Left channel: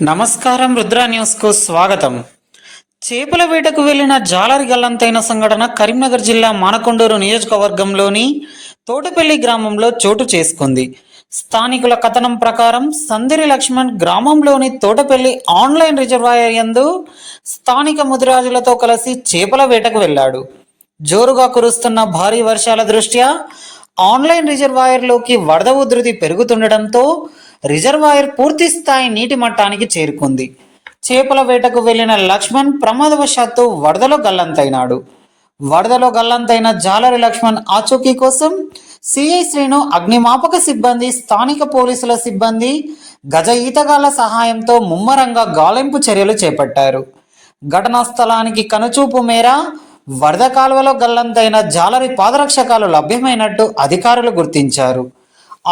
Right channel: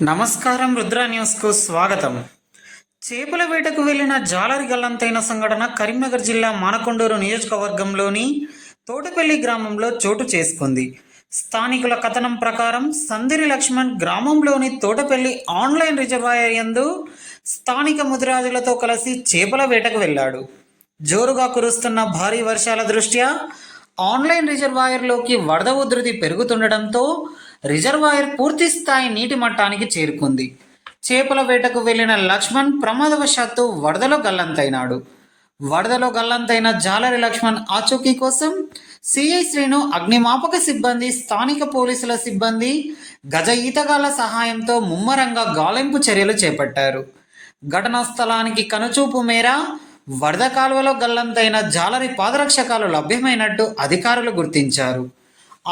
నమస్కారం. రుద్ర న్యూస్ కు స్వాగతం. చేపల వేటకు వెళ్లిన జాలరి గల్లంతైన సంఘటన కరీంనగర్ జిల్లా మానకొండూరు నియోజకవర్గంలోని తోటపల్లి గ్రామంలో చోటు చేసుకుంది. స్థానికుల కథనం ప్రకారం సందిరి లక్ష్మణ్ గ్రామంలోని తోటపల్లి ఆన్లైన్ రిజర్వాయర్ యందు స్థానిక ముదిరాజులతో కలిసి చేపల వేటకు వెళ్ళాడు. జోరుగా కురుస్తున్న భారీ వర్షాల దృష్ట్యా ఆన్లైన్ రిజర్వాయర్లోకి వరద ఉధృతి పెరుగుతుండటంతో రిజర్వాయర్ పూర్తి స్థాయి నీటి మట్టానికి చేరుకుంది. చేపల వేటకు వెళ్లిన లక్ష్మణ్ ప్రమాదవశాత్తు వరదలో గల్లంతైనాడు. వరదలో గల్లంతైన జాలరి లక్ష్మణ్ ఆచూకీ కోసం సిఐ శ్రీను, అగ్నిమాపక సిబ్బంది, స్థానిక పోలీసుల సిబ్బంది గజ ఈతగాళ్ల సహాయంతో ముమ్మరంగా గాలింపు చర్యలు చేపట్టారు. ఘటనా స్థలానికి కనుచూపు మేర వరద కాలువలో గల్లంతైన జాలరి పాదరక్షకాలు లభ్యమైనట్టు అధికారులు గుర్తించారు.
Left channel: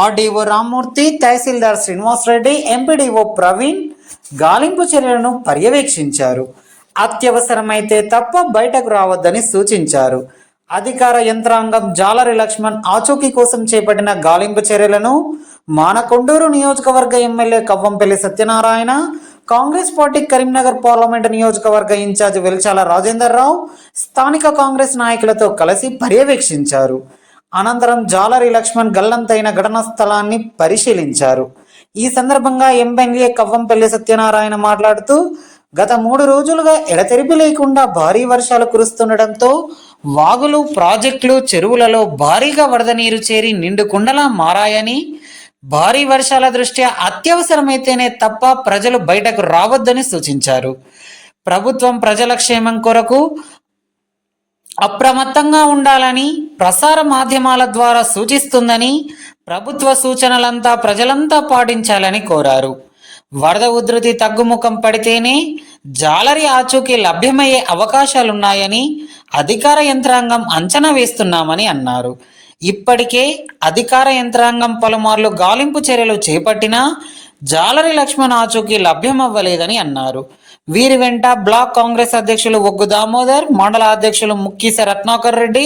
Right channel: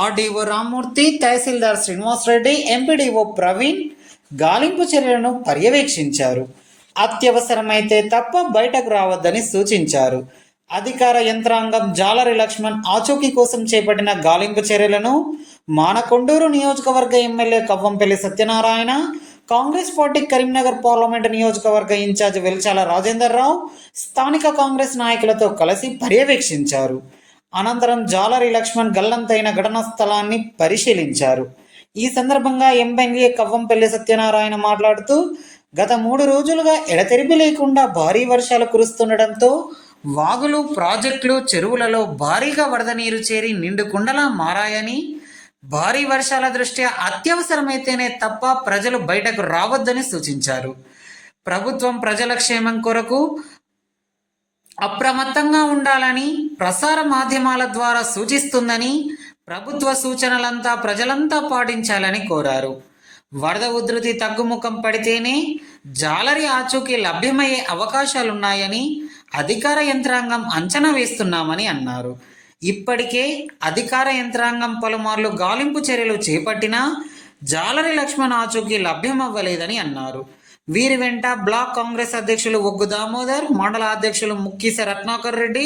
ఆర్డీఓ రామ్మూర్తి, తహసీల్దార్ శ్రీనివాస్ రెడ్డి, ఎంపీడీఓ ప్రవీణ్ గాలింపు చర్యలను పర్యవేక్షించారు. అత్యవసరమైతే తప్ప బయటకు రావద్దని సూచించారు. అధికార యంత్రాంగం జాలరి లక్ష్మణ్ ఆచూకీ కోసం చేపట్టిన గాలింపు చర్యలను మానకొండూరు నియోజకవర్గ MLA Kavvampalli Satyanarayana, Congress party Karimnagar parliament నియోజకవర్గ ఇన్ఛార్జ్ వెల్చాల రాజేందర్ రావు స్థానిక కాంగ్రెస్ నాయకులతో కలిసి పర్యవేక్షించారు. అనంతరం జాలరి లక్ష్మణ్ గల్లంతైన ఘటనా స్థలాన్ని పరిశీలించారు. ఈ సందర్భంగా ఎమ్మెల్యే కవ్వంపల్లి సత్యనారాయణ మాట్లాడుతూ, గత 3 రోజులుగా ఎడతెరిపి లేకుండా భారీ వర్షాలు కురుస్తుండటంతో వాగులు, ప్రాజెక్టులు, చెరువులలో భారీగా వరద నీరు చేరి నిండు కుండలా మారాయని, భారీ వర్షాల దృష్ట్యా అత్యవసరమైతేనే తప్ప ప్రజలు బయటకు రావద్దని సూచించారు. ప్రభుత్వం ప్రజల క్షేమం కొరకు అప్రమత్తంగా ఉండాలని ప్రసార మాధ్యమాల ద్వారా సూచిస్తుందని, ప్రభుత్వ సూచనలంతా ప్రజలంతా పాటించాలని కోరారు. వరద ఉధృతి తగ్గుముఖం పడితేనే జాలరి ఆచూకీ లభ్యమయ్యే అవకాశాలున్నాయని అధికార యంత్రాంగం అంచనా వేస్తున్నామని అన్నారు. ఇప్పటికే అధికార యంత్రాంగం పలుమార్లు గాలింపు చర్యలు చేపట్టినా జాలరి లక్ష్మణ్ ఆచూకీ లభ్యమవ్వలేదని అన్నారు. వీరి వెంట బ్లాక్ కాంగ్రెస్ అధ్యక్షులు ఒగ్గు దామోదర్, మండల అధ్యక్షులు ముక్కీస రత్నాకర్ రెడ్డి,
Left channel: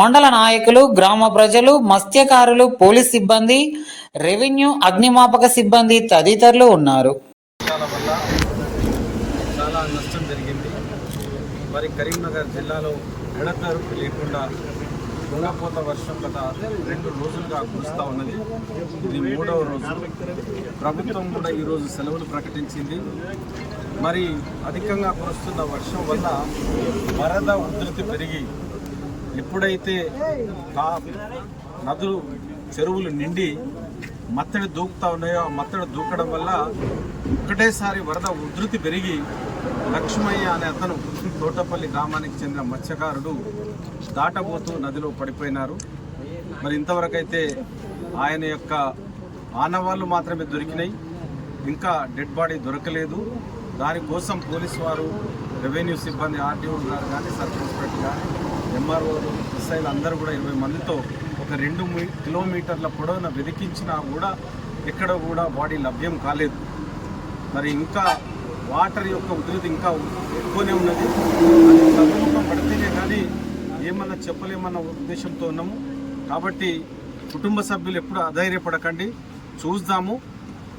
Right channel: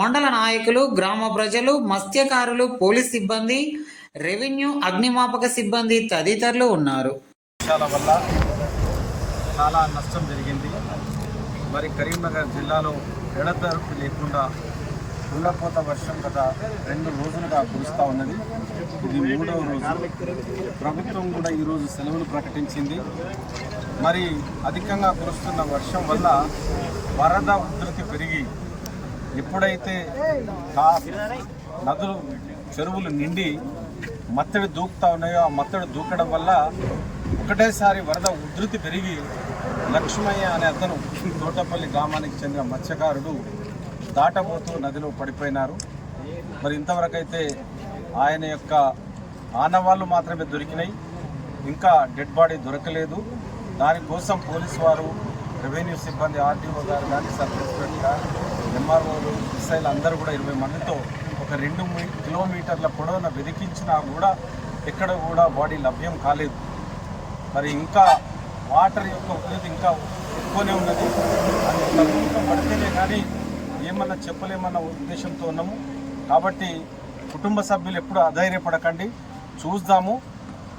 మండల నాయకులు, గ్రామ ప్రజలు, మత్స్యకారులు, పోలీస్ సిబ్బంది, రెవెన్యూ, అగ్నిమాపక సిబ్బంది తదితరులు ఉన్నారు. వల్ల చాలా నష్టం జరిగింది. మరి కరీంనగర్ జిల్లాలో ఎడతెరపు లేకుండా కుండపోత వర్షం గత 2 రోజులుగా కురుస్తూ ఉన్నది. ఇది 3వ రోజు. ప్రభుత్వం కూడా ఈరోజు సెలవులు ప్రకటించింది. మరి అధికంగా కురుస్తున్న వర్షం వల్ల వరద ఉధృతి పెరిగి ఎప్పుడైతే నదులు, చెరువులు నిండి మత్తడి దూకుతా ఉన్నాయో ఆ మత్తడి దూకడం వల్ల ఒకటేసారి వరద ఉధృతి పెరిగి లక్ష్మయ్య అనే అతను తోటపల్లి గ్రామానికి చెందిన మత్స్యకారుడు దాటబోతూ నదిలో పడిపోయినారు. మరి ఇంతవరకు అయితే ఆయన యొక్క ఆనవాళ్ళు మాత్రమే దొరికినాయి. ఇంకా డెడ్ బాడీ దొరకలేదు. దానికోసం పోలీసు వారు, రెవెన్యూ సిబ్బంది, ఆర్డీఓ గారు కానీ, సబ్ ఇన్స్పెక్టర్ కానీ, ఎంఆర్ఓలు, ఎస్ఐలు అందరూ కూడా 20 మందితో ఒక 2 కిలోమీటర్ల పొడవున వెతికించినా కూడా ఎక్కడ కూడా బాడీ లభ్యం కాలేదు. మరి ఇంకా వాటర్ యొక్క ఉధృతి ఇంకా ఎక్కువనే ఉన్నది. అది ప్రభుత్వం పడితేనే కానీ ఏమన్నా చెప్పలేమన్న ఉద్దేశంతో ఉన్నాము. కాబట్టి కుటుంబ సభ్యులు ఎప్పుడు అధైర్యపడకండి, చూద్దాము.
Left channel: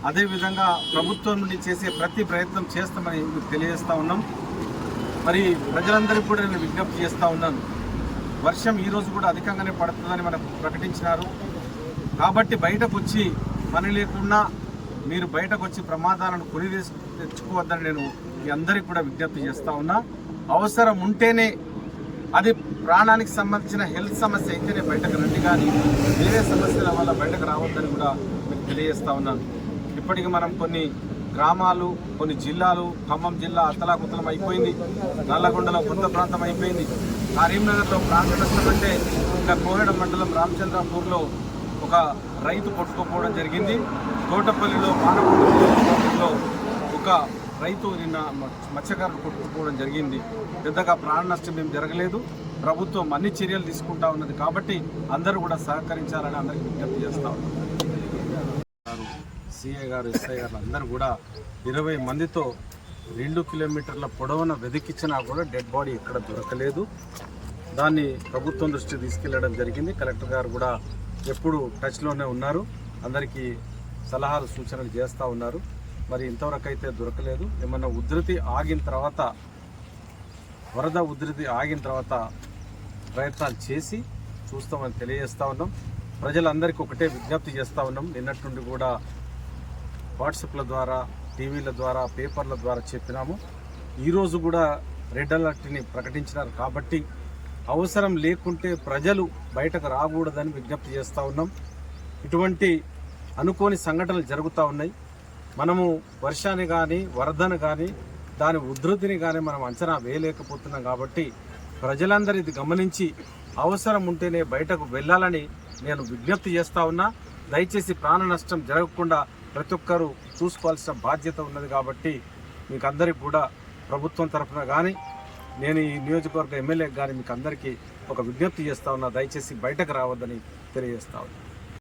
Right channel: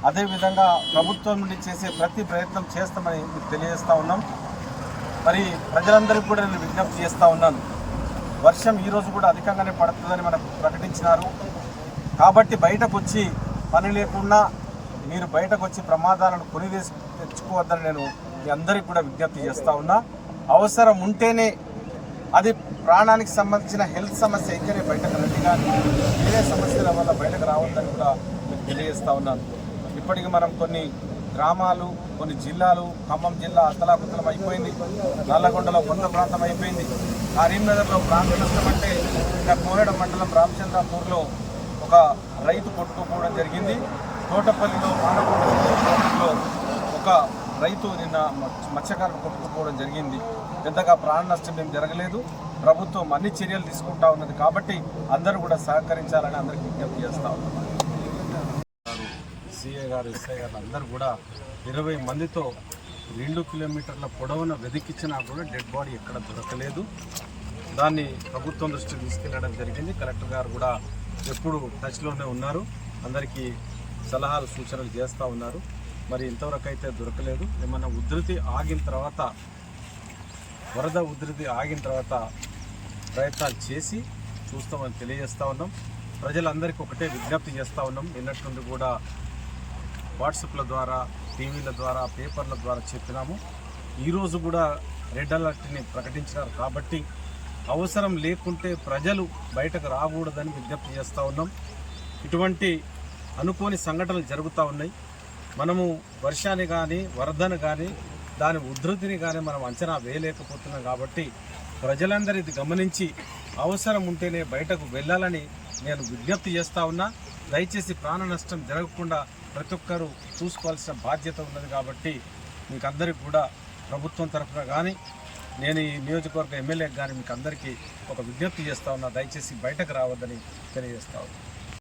అదేవిధంగా ప్రభుత్వం నుండి చేసే ప్రతి ప్రయత్నం చేస్తామని తెలియజేస్తూ ఉన్నాం. మరి ప్రజలందరికీ కూడా నేను విజ్ఞప్తి చేస్తూ ఉన్నాను. వర్షం ఈరోజు కూడా అధికంగానే పడుతుందని మనకు ప్రకటించినారు. కాబట్టి బయటకు వచ్చి పని లేకుండా మీరు బయటకు వచ్చి ప్రమాదాలను కొని తెచ్చుకోవద్దని నేను మీ అందరికీ కూడా విజ్ఞప్తి చేస్తూ ఉన్నా. అవసరం ఉంటేనే, అది ప్రాణానికి సంబంధించిన హెల్త్ సమస్య అయితేనే బయటకు రండి, కానీ వేరే సమస్యల వల్ల బయటకు రావద్దని కూడా మీకు తెలియజేస్తూ ఉన్నాను. ఇప్పటికి మనం కొన్ని గ్రామాలు, కొన్ని జిల్లాలు, ఖమ్మం జిల్లా అత్తలాకుతలం అయిపోయింది, నల్లగొండలో కొంత ప్రాంతం అయిపోయింది, కరీంనగర్లో ప్రాంత నష్టం అంటే ఇంకా కోహెడ మండలం రామచంద్రాపూర్లో ఒక రైతు కొట్టుకోపోవడం జరిగింది. తోటపల్లిలో మానకొండలో ఒక రైతు నిన్న మత్స్యకారులు కొట్టుకుపోవడం జరిగింది. పెద్దగా ప్రాణ నష్టం ఏం జరగలేదు. ప్రభుత్వం అన్ని చర్యలు తీసుకుంటా ఉన్నది. కాబట్టి అందరూ కూడా సహకరించాలని అందరికీ విజ్ఞప్తి చేస్తూ ఉన్నారు. సిఐ గారు, ఎస్ఐ గారు అందరూ కూడా 20 మందితో 2 కిలోమీటర్ల పొడవున వెతికిచ్చినా కూడా డెడ్ బాడీ ఎక్కడ దొరకలేదు. దాన్ని ప్రభుత్వం దృష్టికి తీసుకెళ్లడం జరిగింది. కలెక్టర్ గారు కూడా ఎప్పుడు టచ్లోనే ఉన్నారు, అందరికీ సలహాలు సూచనలు చేస్తూ ఉన్నారు. మరి ఇంతవరకు అయితే దొరకలేదు. ఏమన్నా ఉధృతి ఆగిన తర్వాత, వరద ఉధృతి ఆగిన తర్వాత ప్రయత్నాలు చేసి చూస్తామని తెలియజేస్తూ ఉన్నాం. ప్రజలందరికీ ఒకటే విజ్ఞప్తి చేస్తూ ఉన్నాం. నిన్నటి నుండి కూడా వాట్సాప్ల ద్వారా, టీవీల ద్వారా, పేపర్ల ద్వారా చెప్పినాము. ఈరోజు కూడా రెడ్ అలర్ట్ని ప్రకటించినారు కాబట్టి అవసరం లేకుంటే ప్రజలు బయటకు రాకూడదని విజ్ఞప్తి చేస్తూ ఉన్నాం. ఇటువంటి అనుకోని సంఘటనలు జరుగుతూ ఉన్నాయి. మనము వర్షాన్ని కానీ, వరదను కానీ, దాని ఉధృతిని కానీ మనం అంచనా వేయలేకపోతున్నాం. కాబట్టి ప్రజలందరూ ఇది గమనించి అవసరం ఉంటేనే బయటకు వెళ్ళాలని నేను విజ్ఞప్తి చేస్తూ ఉన్నా. దయచేసి ప్రాణ నష్టం జరగకుండా ప్రతి ఒక్కరూ చూసుకోవాల్సిన బాధ్యత ఉన్నది. కాబట్టి మీకు అందరికీ కూడా ప్రభుత్వం తరఫున కానీ, నేను ఈ నియోజకవర్గ ఎమ్మెల్యేకి కానీ మీకు అందరికీ ఒక విజ్ఞప్తి చేస్తూ ఉన్నా. దయచేసి బయటకు రావద్దని తెలియజేస్తా ఉన్నా.